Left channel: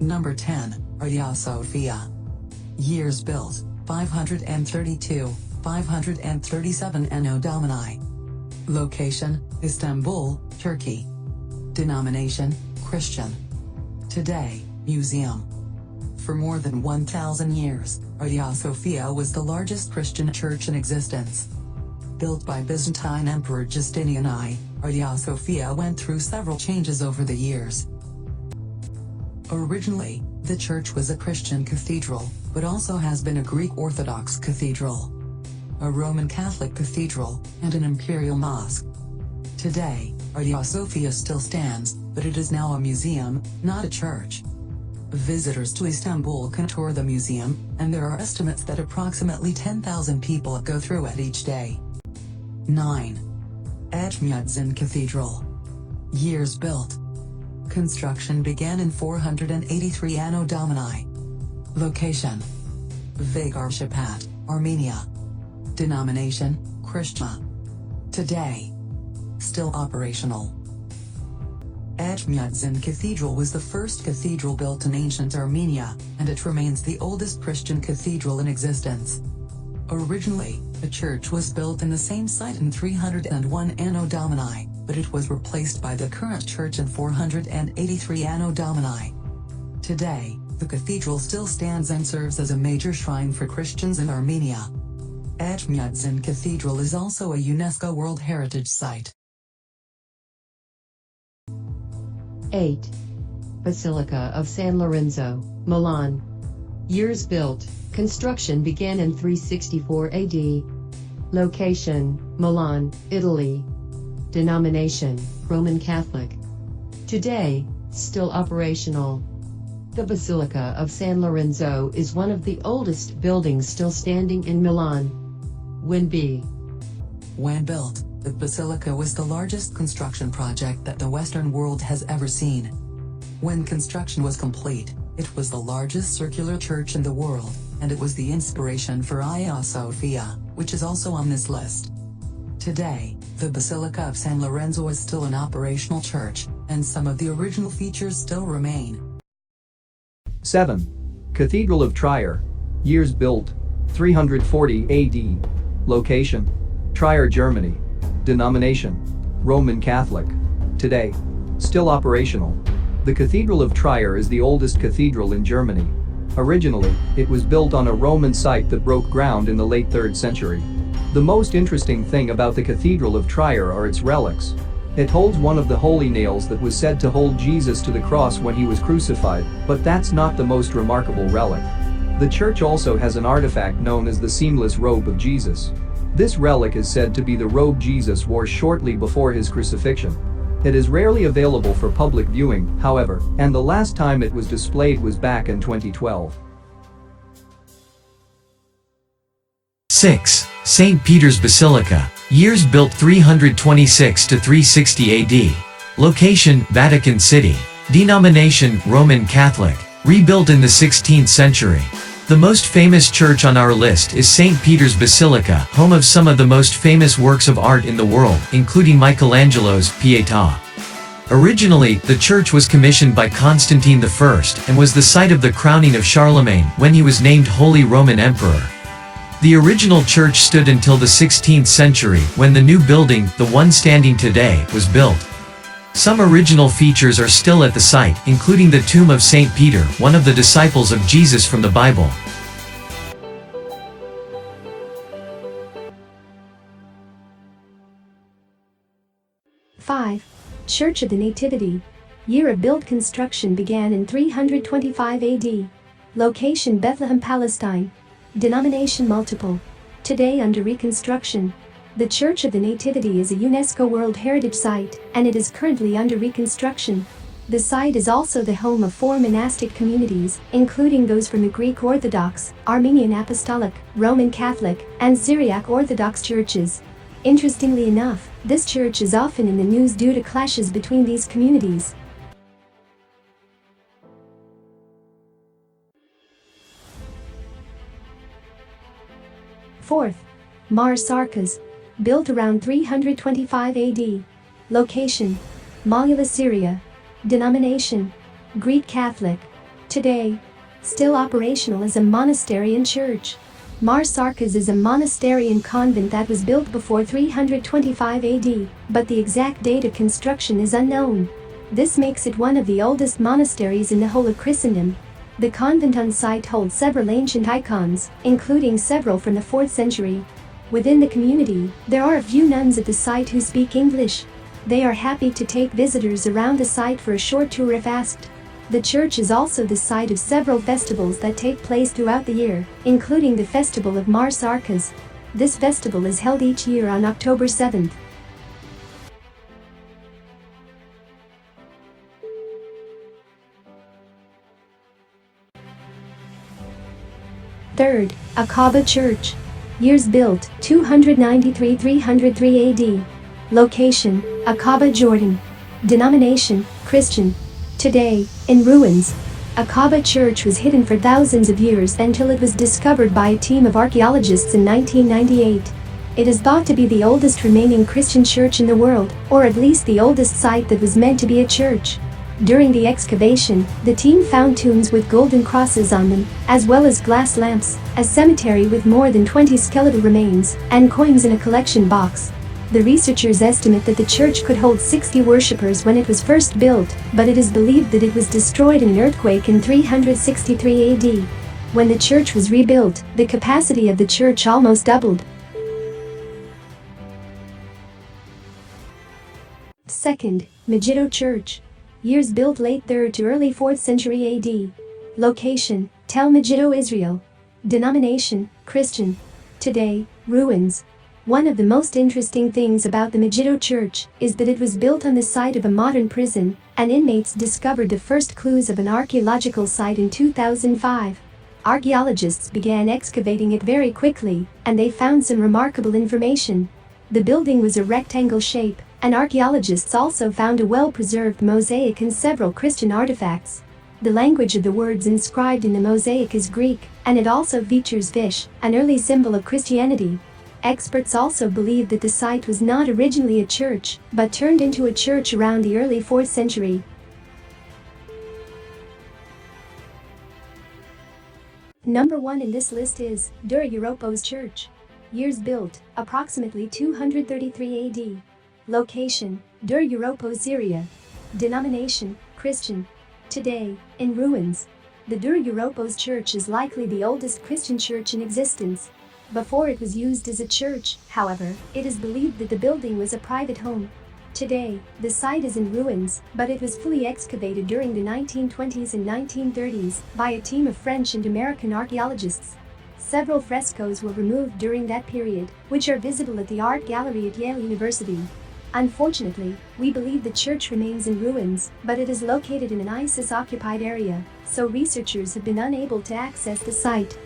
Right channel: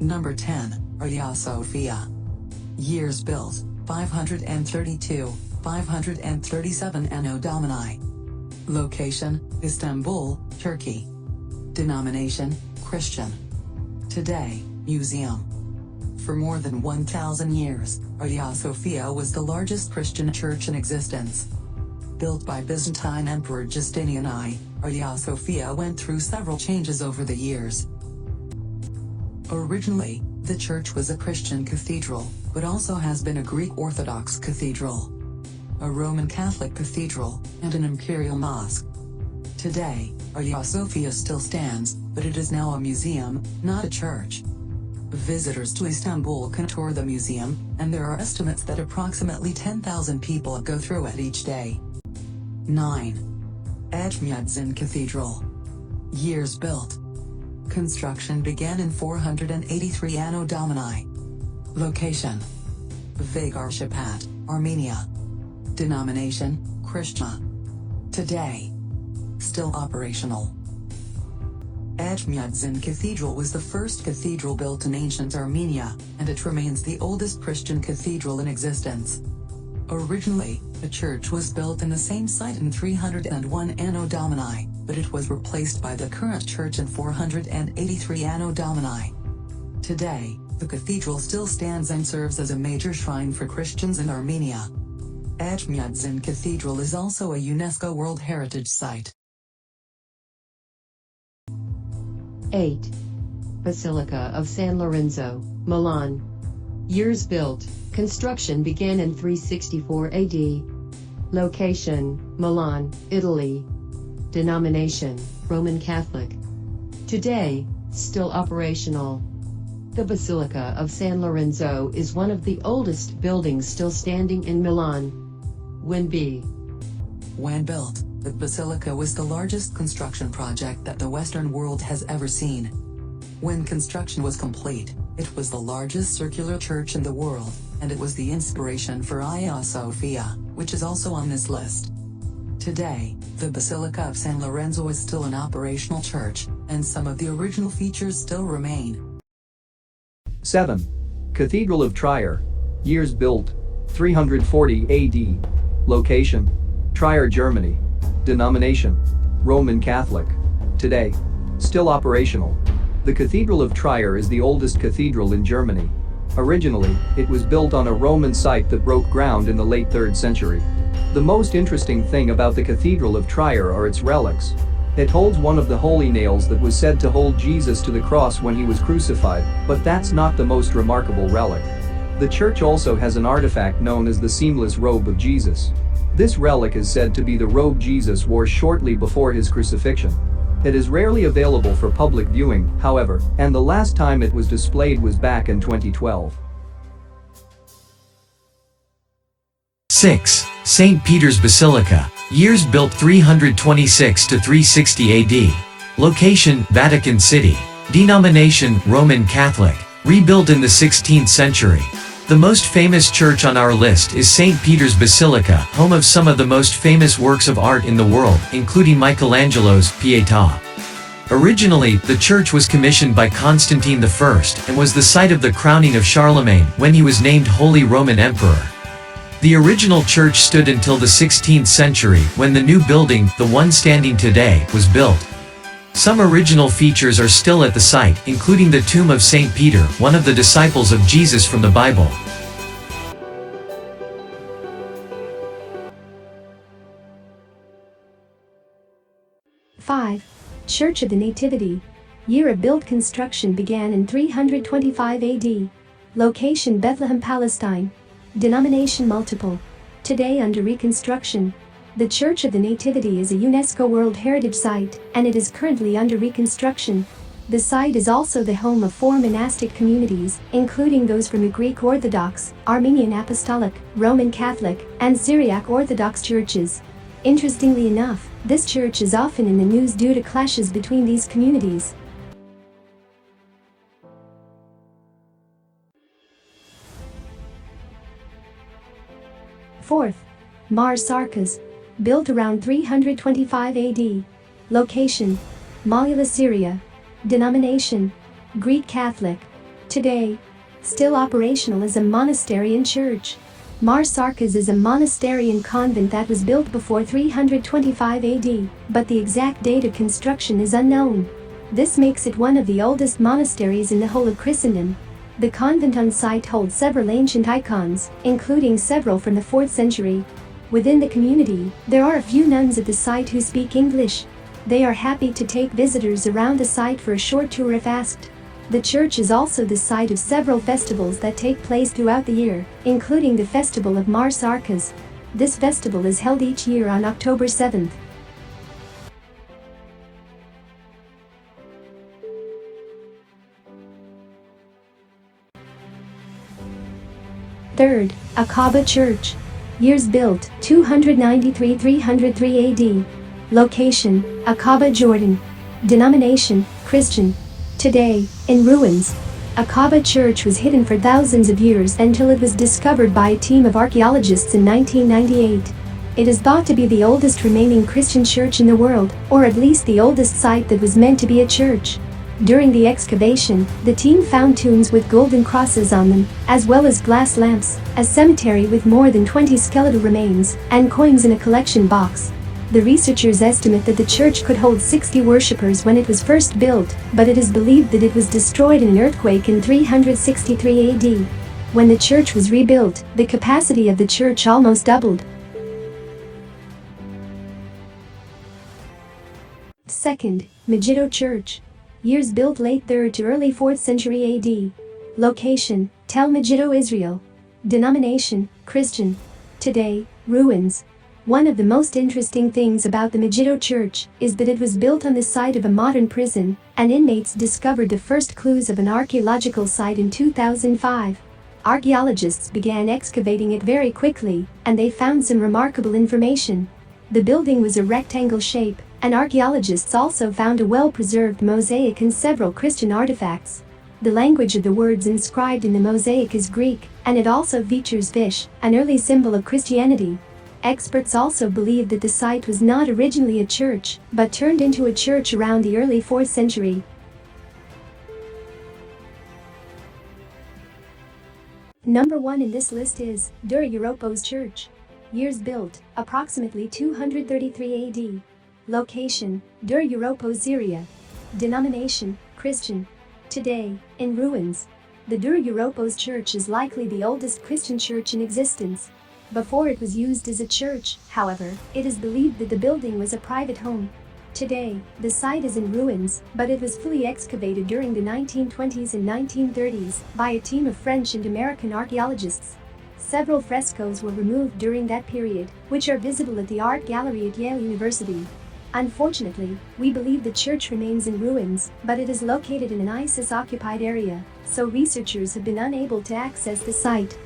Number 10, Hagia Sophia. Years built, 532, 537 Anno Domini. Location, Istanbul, Turkey. Denomination, Christian. Today, museum. For more than 1,000 years, Hagia Sophia was the largest Christian church in existence. Built by Byzantine Emperor Justinian I, Hagia Sophia went through several changes over the years. Originally, the church was a Christian cathedral, but also has been a Greek Orthodox cathedral, a Roman Catholic cathedral, and an imperial mosque. Today, Hagia Sophia still stands, but it is now a museum, not a church. Visitors to Istanbul can tour the museum, and there are estimates that approximately 10,000 people go through it each day. 9. Etchmiadzin Cathedral. Years built. Construction began in 483 Anno Domini. Location: Hagia, Armenia. Denomination: Christian. Today, still operational. Etchmiadzin Cathedral was the first cathedral built in ancient Armenia, and it remains the oldest Christian cathedral in existence. Originally, the church was built in the same site in 301 Anno Domini, but it was replaced by the current church in 483 Anno Domini. Today, the cathedral still stands and serves as a major shrine for Christians in Armenia. Etchmiadzin Cathedral is also a UNESCO World Heritage Site. 8. Basilica of San Lorenzo, Milan. Years built. Construction began in 364 AD. Location: Milan, Italy. Denomination: Roman Catholic. Today, still operational. The Basilica of San Lorenzo is one of the oldest buildings still standing in Milan. When built, the Basilica was the largest construction project that the Western world has ever seen. When construction was complete, it was the largest circular church in the world, and it was the inspiration for Hagia Sophia, which is also on this list. Today, the Basilica of San Lorenzo is still an operational church, and some of the original features still remain. 7. Cathedral of Trier. Years built, 340 AD. Location: Trier, Germany. Denomination: Roman Catholic. Today, still operational. The Cathedral of Trier is the oldest cathedral in Germany. Originally, it was built on a Roman site that broke ground in the late 3rd century. The most interesting thing about the Cathedral of Trier are its relics. It holds one of the holy nails that was said to hold Jesus to the cross when he was crucified, but that's not the most remarkable relic. The church also has an artifact known as the seamless robe of Jesus. This relic is said to be the robe Jesus wore shortly before his crucifixion. It is rarely available for public viewing, however, and the last time it was displayed was back in 2012. 6. St. Peter's Basilica. Years built 326 to 360 AD. Location: Vatican City. Denomination: Roman Catholic. Rebuilt in the 16th century. The most famous church on our list is St. Peter's Basilica, home of some of the most famous works of art in the world, including Michelangelo's Pietà. Originally, the church was commissioned by Constantine I and was the site of the crowning of Charlemagne when he was named Holy Roman Emperor. The original church stood until the 16th century when the new building, the one standing today, was built. Some original features are still at the site, including the tomb of St. Peter, one of the disciples of Jesus from the Bible. 5. Church of the Nativity. Year of build: construction began in 325 AD. Location: Bethlehem, Palestine. Denomination: multiple. Today under reconstruction. The Church of the Nativity is a UNESCO World Heritage Site, and it is currently under reconstruction. The site is also the home of 4 monastic communities, including those from the Greek Orthodox, Armenian Apostolic, Roman Catholic, and Syriac Orthodox churches. Interestingly enough, this church is often in the news due to clashes between these communities. 4th. Mar Sarkas. Built around 325 AD. Location: Malula, Syria. Denomination: Greek Catholic. Today, still operational as a monastery and church. Mar Sarkas is a monastery and convent that was built before 325 AD, but the exact date of construction is unknown. This makes it one of the oldest monasteries in the whole of Christendom. The convent on site holds several ancient icons, including several from the 4th century. Within the community, there are a few nuns at the site who speak English. They are happy to take visitors around the site for a short tour if asked. The church is also the site of several festivals that take place throughout the year, including the Festival of Mar Sarkas. This festival is held each year on October 7th. Third, Aqaba Church. Years built, 293–303 AD. Location, Aqaba, Jordan. Denomination, Christian. Today, in ruins. Aqaba Church was hidden for thousands of years until it was discovered by a team of archaeologists in 1998. It is thought to be the oldest remaining Christian church in the world, or at least the oldest site that was meant to be a church. During the excavation, the team found tombs with golden crosses on them, as well as glass lamps, a cemetery with more than 20 skeletal remains, and coins in a collection box. The researchers estimate that the church could hold 60 worshippers when it was first built, but it is believed that it was destroyed in an earthquake in 363 AD. When the church was rebuilt, the capacity of the church almost doubled. Second, Megiddo Church. Years built late 3rd to early 4th century AD. Location, Tel Megiddo, Israel. Denomination, Christian. Today, ruins. One of the most interesting things about the Megiddo Church is that it was built on the site of a modern prison, and inmates discovered the first clues of an archaeological site in 2005. Archaeologists began excavating it very quickly, and they found some remarkable information. The building was a rectangle shape, and archaeologists also found a well-preserved mosaic and several Christian artifacts. The language of the words inscribed in the mosaic is Greek, and it also features fish, an early symbol of Christianity. Experts also believe that the site was not originally a church, but turned into a church around the early 4th century. Number 1 in this list is Dura-Europos Church. Years built, approximately 233 AD. Location, Dura-Europos, Syria. Denomination, Christian. Today, in ruins. The Dura-Europos Church is likely the oldest Christian church in existence. Before it was used as a church, however, it is believed that the building was a private home. Today, the site is in ruins, but it was fully excavated during the 1920s and 1930s by a team of French and American archaeologists. Several frescoes were removed during that period, which are visible at the art gallery at Yale University. Unfortunately, we believe the church remains in ruins, but it is located in an ISIS-occupied area, so researchers have been unable to access the site.